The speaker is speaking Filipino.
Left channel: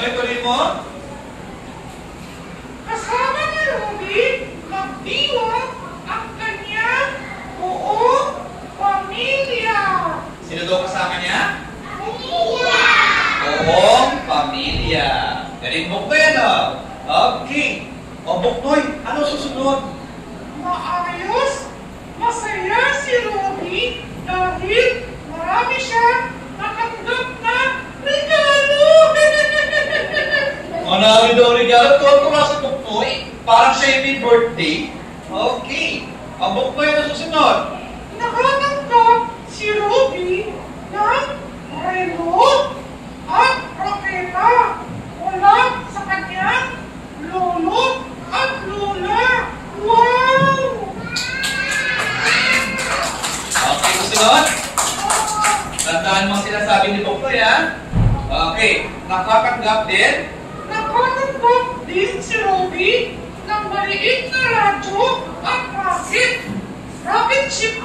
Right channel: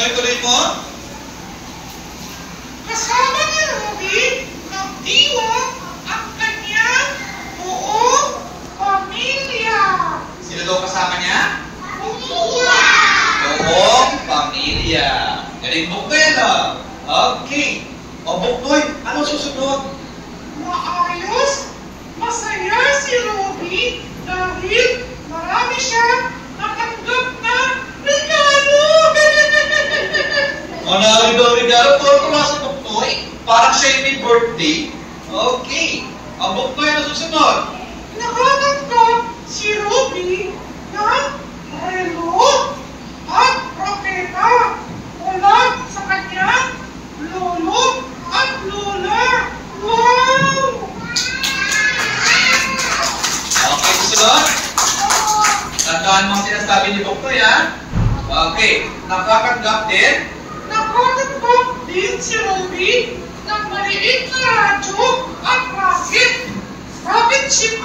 Okay, tuloy mo. Kasama ni Ruby, nagdiwang ang kanyang buong pamilya. Sino daw kasama niya? Pamilya! Buong pamilya. Galing Buknoy, ano? Okay. O Buknoy, ano susunod? Maayos, masaya si Ruby dahil marami siyang natanggap na regalo. Manami daw regalo. Tuwa sa Buknoy. Parang siya yung may birthday. Okay. O Buknoy, ano susunod? Nakatanggap si Ruby ng relo at raketa mula sa kanyang lolo at lola. Wow! Okay, susunod. Tandaan mo ang sinasabi ni Buknoy, ha? Okay. Nakatanggap din. Nakatanggap din si Ruby ng maliit na radyo